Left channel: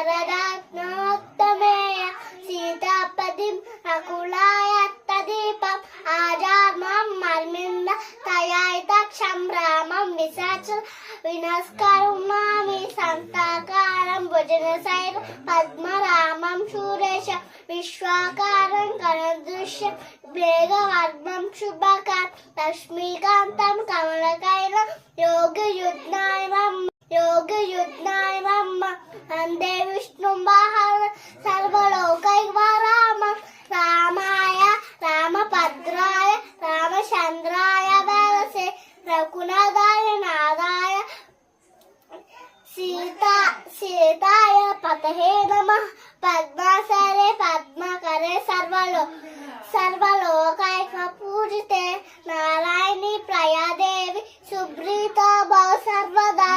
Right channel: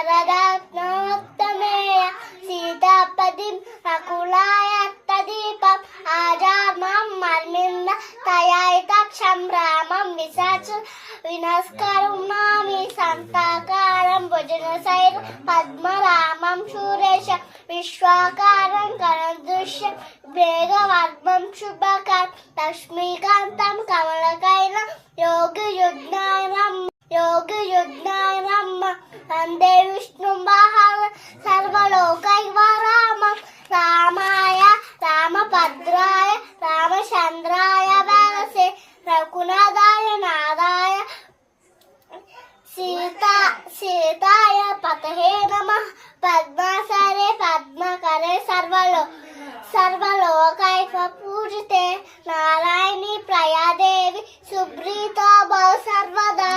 शरदात्मोत्तमेय सीतापतिं अकुलाय तदीपं आजामं मर्मिन्द तयायितक्षं रामं विसाच विनस्करुणामि संताकारं भुजगशैल पद्मरामं शूरेश विश्वाकारं करदृश्य वेगवर्मं शुभकां लक्ष्मीकान्तं कमलकैलं योगियुज्ञाय नमः वन्दे विष्णुं सर्वलोकैकवारामं रामाय रामभद्राय रामचन्द्राय वेदसे रघुनाथाय नाथाय सीताय पतये नमः पद्मासरे पद्मकरे सर्वलोकैक पूजिते नारायणी प्रयादेवी सुब्रीता भव सर्वदा।